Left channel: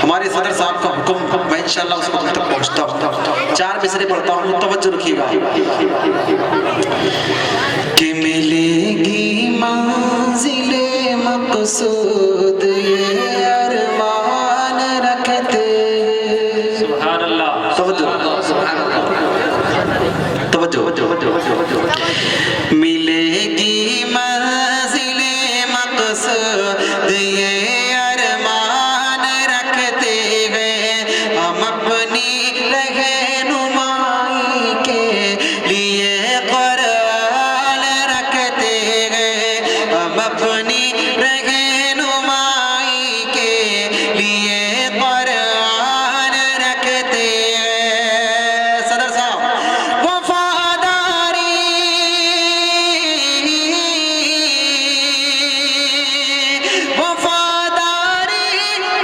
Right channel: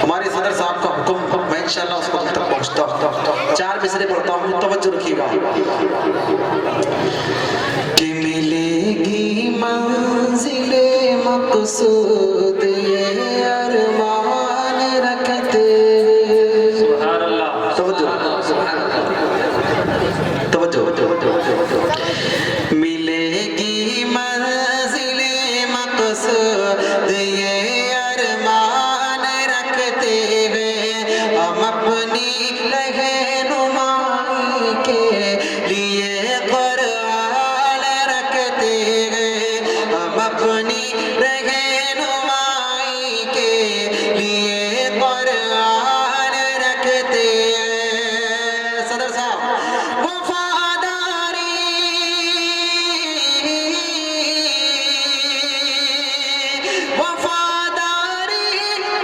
हमारे सदर साहब का हुक्म, मैं इंशाल्लाह उसको तुम तक पहुंचता हूँ। 4 मिसरे पढ़ता हूँ, तवज्जो रखिएगा। कि मिलेगी मंजिले मकसूद ये अरमान रखते। सुभान अल्लाह, तवज्जो। मिलेगी मंजिले मकसूद ये अरमान रखते हैं हम अपनी रहनुमाई के लिए कुरान रखते हैं हम अपनी रहनुमाई के लिए कुरान रखते हैं। सदर साहब वफादारी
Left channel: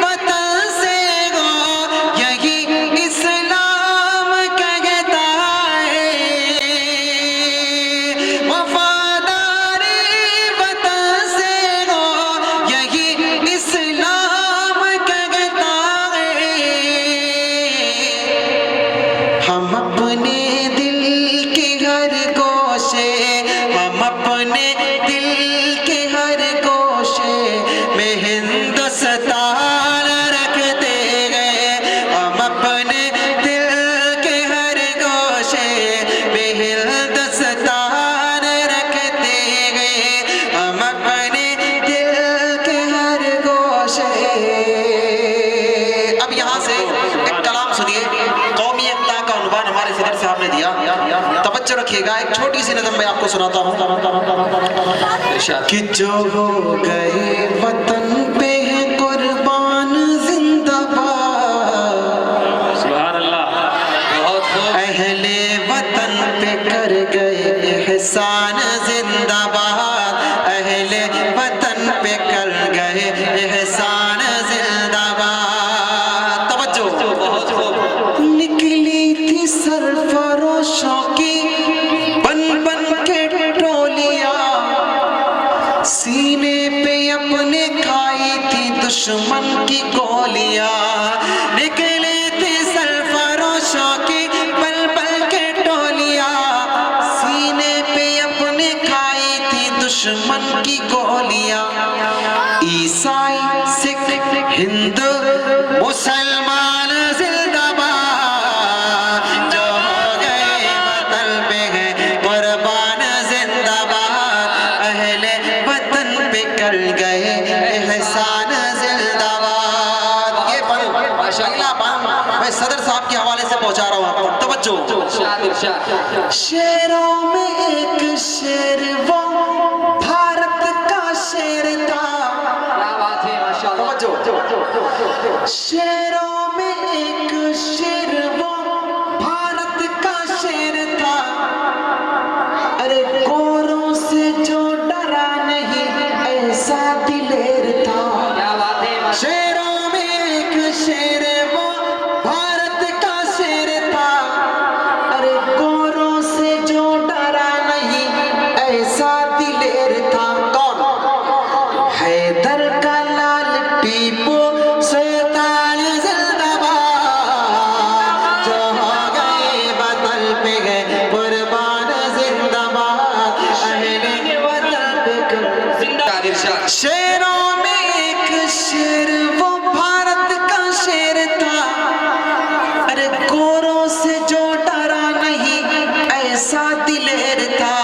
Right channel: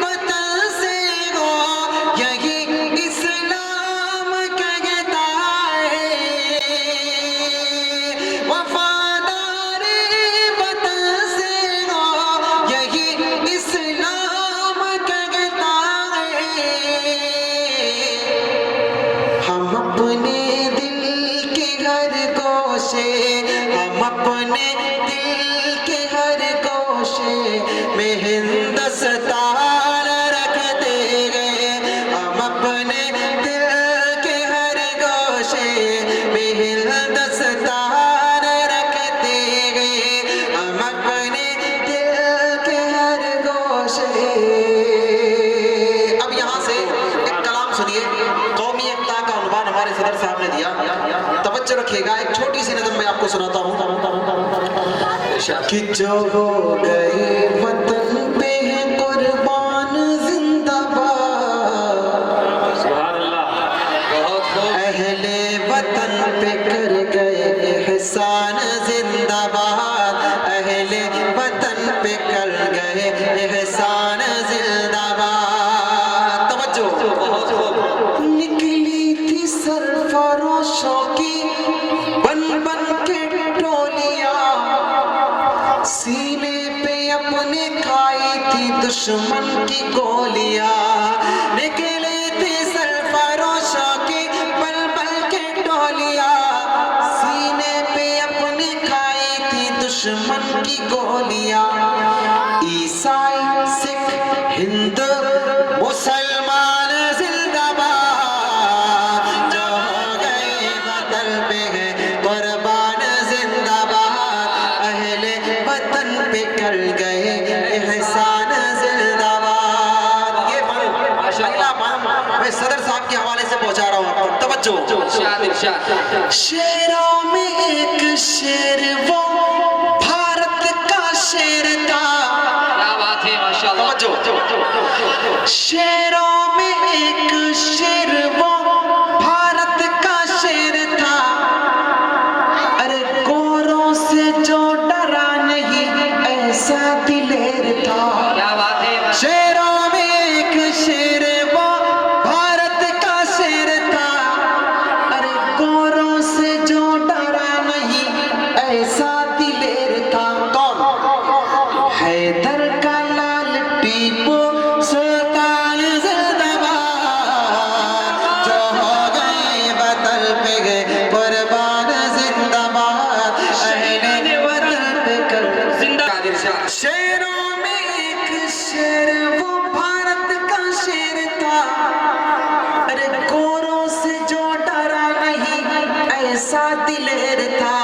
वतन से हो यही इस्लाम कहता है। वफादारी वतन से हो यही इस्लाम कहता है। हम अपने दिल के हर गोशे, हम अपने दिल के हर गोशे में हिंदुस्तान रखते गए। हम अपने दिल के हर गोशे में हिंदुस्तान रखते गए। हम अपने दिल के हर गोशे। अब यहाँ से एक कलाम सुनिए, कौमी एकता का उन्वान हमारे सदर साहब ने दिया। तवज्जो रखिएगा, एक छोटी सी नज़म मैं आपको सुनाता हूँ। कि जो हो गए वतन पे है कुर्बान जिंदाबाद। सुभान अल्लाह, बहुत खूब। अहले वतन पे कर गए एहसान जिंदाबाद। अहले वतन पे कर गए एहसान जिंदाबाद। तवज्जो, बहुत खूब। निकली थी सरफरोशों की बन बन के टोलियां, सीने पे अपने खाई थी दुश्मन की गोलियां। निकली थी सरफरोशों की बन बन के टोलियां, सीने पे अपने खाई थी दुश्मन की गोलियां। ईसाई सिख हिंदू मुसलमान जिंदाबाद, जो हो गए वतन पे है कुर्बान जिंदाबाद। अहले वतन पे कर गए एहसान जिंदाबाद। ये अगला बात मैं सदर साहब के हवाले से पहुंचा रहा हूँ। तवज्जो। शेरों में एक शेर वो भारत का शेर था। क्या बात है, माशाअल्लाह। तवज्जो। शेरों में एक शेर वो भारत का शेर था। अरे गोरों से जो डरा नहीं ऐसा दिलेर था। क्या बात है। शेरों में एक शेर वो भारत का शेर था। अरे गोरों से जो डरा नहीं ऐसा दिलेर था। कौन? हैदर का लाल टीपू सुल्तान जिंदाबाद, जो हो गए वतन पे गए कुर्बान जिंदाबाद। अहले वतन पे कर जिंदाबाद। शेरों में एक शेर वो भारत का शेर था। अरे गोरों से जो डरा नहीं ऐसा दिलेर था।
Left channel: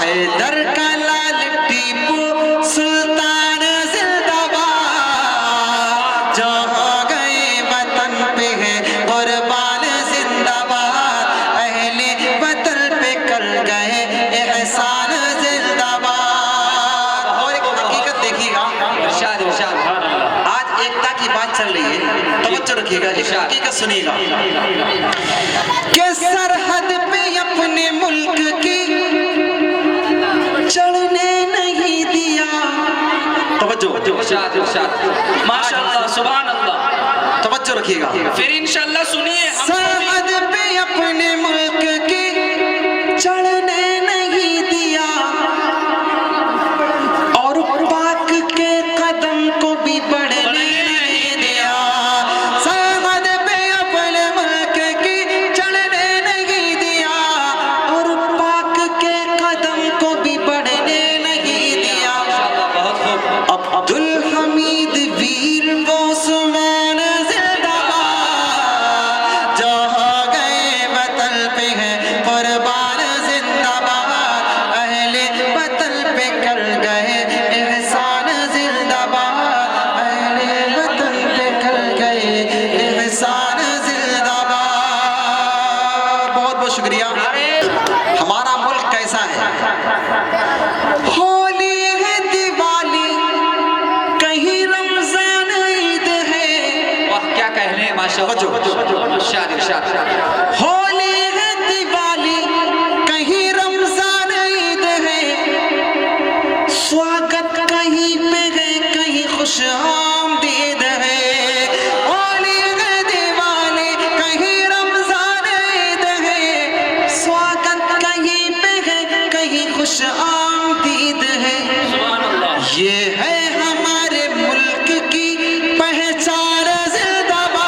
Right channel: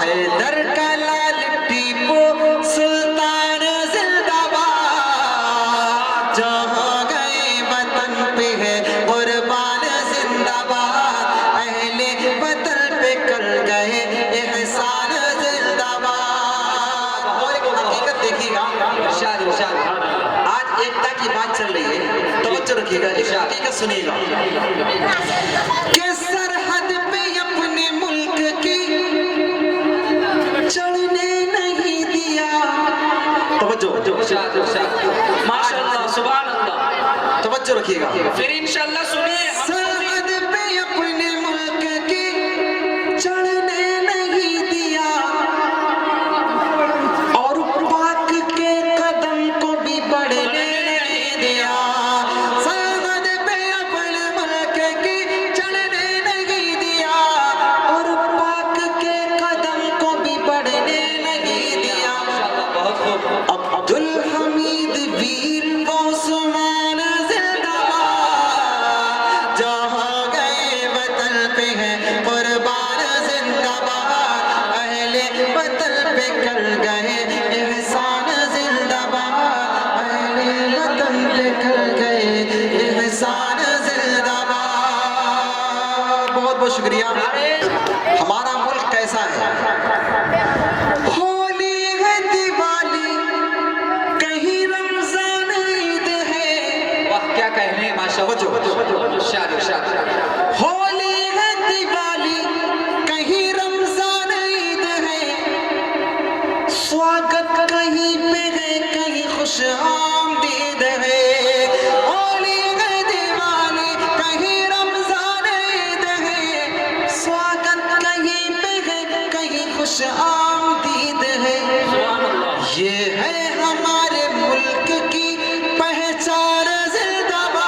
हैदर का लाल टीपू सुल्तान जिंदाबाद, जो हो गए वतन पे है कुर्बान जिंदाबाद। अहले वतन पे कर गए एहसान जिंदाबाद। और एक हकीकत देखिएगा, आज एकता की बात चल रही है, तवज्जो रखिएगा, एक हकीकत सुनिएगा। कि सरहद पे अपने मुल्क की चढ़ने नहीं दिया। तवज्जो, माशाअल्लाह, सुभान अल्लाह। तवज्जो रखिएगा, फिर इंशाअल्लाह सुनिए। सरहद पे अपने मुल्क की चढ़ने नहीं दिया और पाक के कदम को भी बढ़ने नहीं दिया। शुक्रिया। हमारा मुल्क कैसा है? होली है, दिवाली, कहीं रमजान ईद है। वाह क्या कहने माशाअल्लाह। इरशाद इरशाद। होली है, दिवाली, कहीं रमजान ईद है। स्वागत कहीं पे है, कहीं खुश आमदीद है। होली है, दिवाली, कहीं रमजान ईद है। स्वागत कहीं पे है, कहीं खुश आमदीद है। ये है हमारे मुल्क की पहचान जिंदाबाद।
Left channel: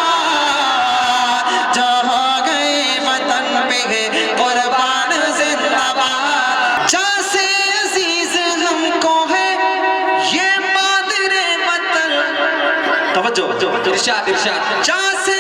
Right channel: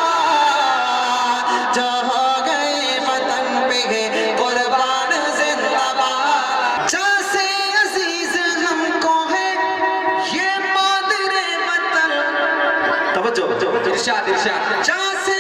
जहाँ गए वतन पे है कुर्बान जिंदाबाद। जहाँ से अजीज हमको है ये मादरे वतन। तवज्जो। इरशाद इरशाद। जहाँ से